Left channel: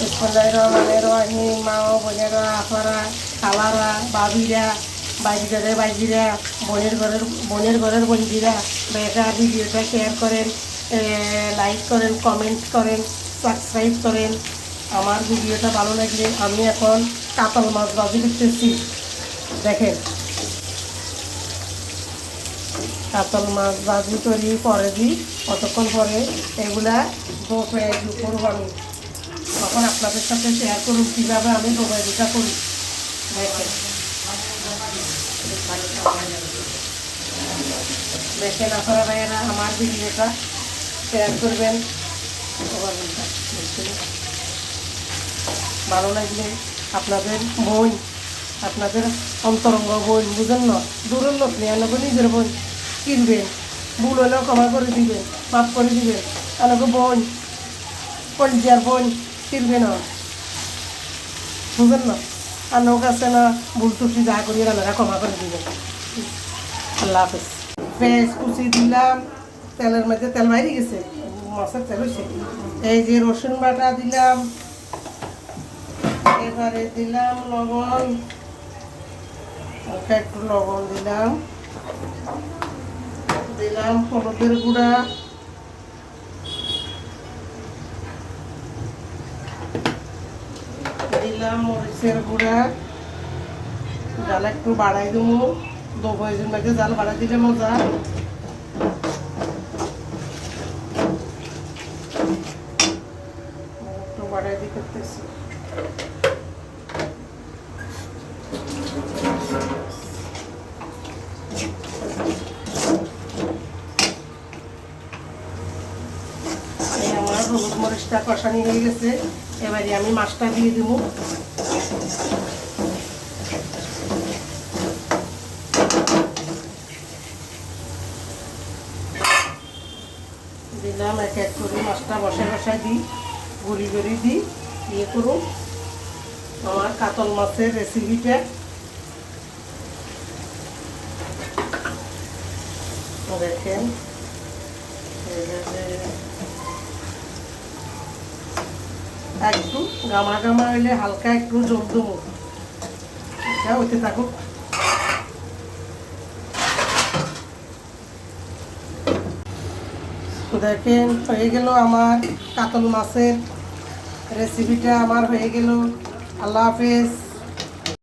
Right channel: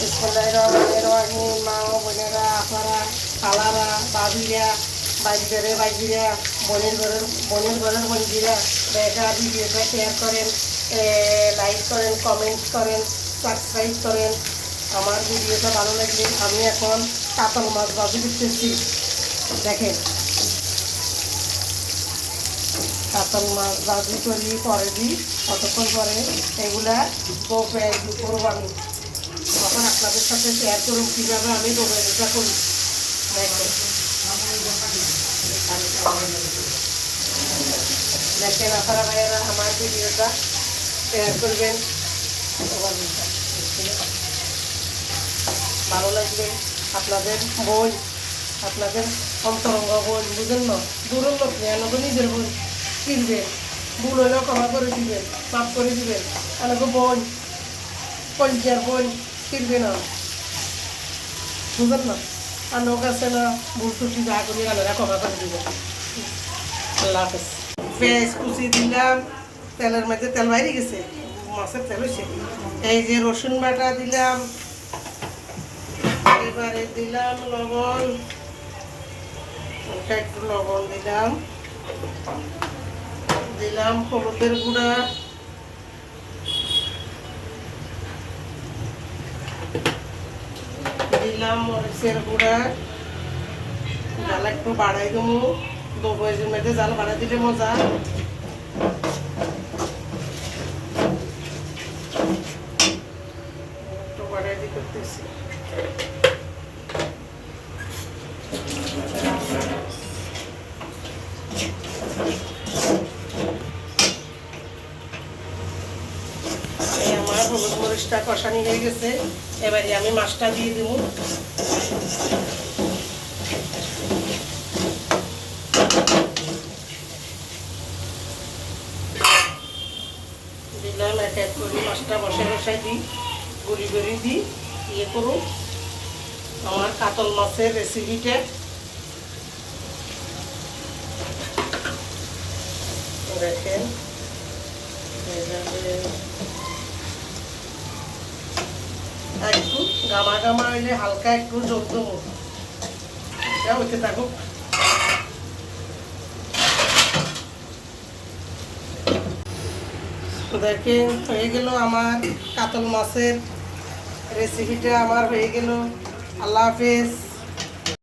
বিসমিল্লাহির মা ও বোনেরা, আপনারা, খালারা, বাবিরা, বাইজিরা, বোনের ঘরের বন্ধুরা, বেকার ভিডিওটা শেয়ার করেন, লাইক করেন, কমেন্ট করেন, সাবস্ক্রাইব করেন। আমার ভিডিওটা ভালো লাগলে আমি এখন কাতল মাছ ভাজি করতেছি। দেখেন, কাতল মাছ ভাজি তৈরি করে দিই, কতক্ষণ পরে এগুলা করবো আমি। তখন আপনাদের সাথে শেয়ার করুন কীভাবে আমি ডোবাইটা করি। দেখেন আপনারা ভাইয়েরা আমার ভিডিওটা শেয়ার করবেন। ভালো লাগলে আপনাদের বোন, আপনাদের অন্তরঙ্গ বোন, বুঝেন না, দূরের লোক নিয়ে নিজের বোন কিনবেন, ভুল হলেও ক্ষমা করে দিবেন, মাফ করে দিবেন। আমাকে বোন, কলজার বোন কিনবে না, বুঝেন না। আর লোক আছে না, ভুল টুকি যা করি রান্নারা ক্ষমা করে দিবেন। আল্লাহ হাফেজ। পেঁয়াজ কুচি দিলাম, তেলের মধ্যে তেল বাইরে গেছে, মাছের তেল হয়েছে। এই যে রসুন বাটা দিলাম, এবারে দিলাম লবণ, একটু লবণ দিলাম হলুদের গুঁড়া, দিলাম মরিচের গুঁড়া। জাল একটু বাড়াই দেবো, দোবইয়ের মধ্যে জাল বাড়াই দিলে মজা। একটু বাড়াই দিয়ে করতেছি। আমার হলুদ মরিচটা কষানি হয়ে গেছে, এবারে আমি মাছটা দিয়ে দেবো। দিলাম এক এক করে মাছটা বসায় দিই, গুড়ি দিই, ইয়ে করুন আমার কাতল মাছের রেসিপিটা। দেখেন একটু গামা হইলে হালকা একটু জল দেবো, এটা হতে থাকুক। দেখেন হয়ে গেল আমার কাতল মাছের রেসিপিটা, আমার হয়ে গেল। আল্লাহ হাফেজ।